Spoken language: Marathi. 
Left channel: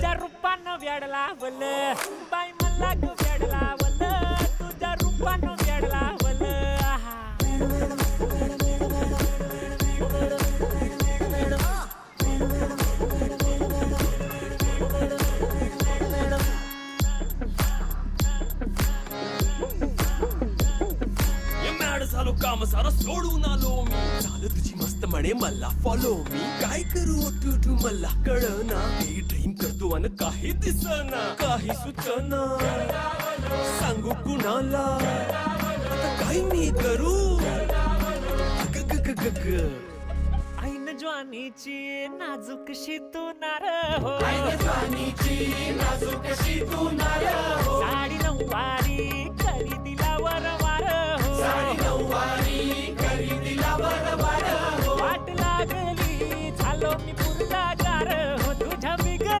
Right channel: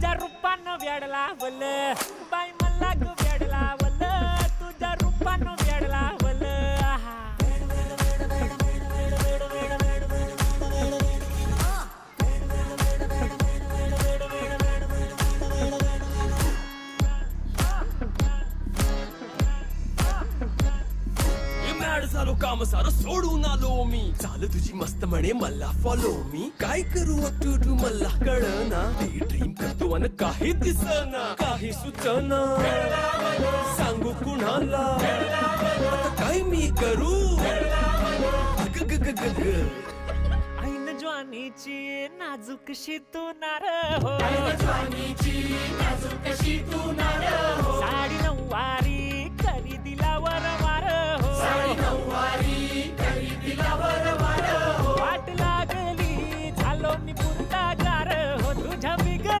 तुझ्या रूपानं वेड लावलं बाई मला ग वेड लावलं तुझ्या रूपानं वेड लावलं आहा. झालो काम सारं सोडून आलो मी चाल तुझी मस्त म्हणे मला फॉलो मी काय करू टू मला कळना ड्रीम करतो अन काही दिसना काही सुचना सांगू कुणाला आता काय मी करू अग ग ग ग ग ऐन ज्वानीची नाजूकशी तू नार हो ऐन ज्वानीची नाजूकशी तू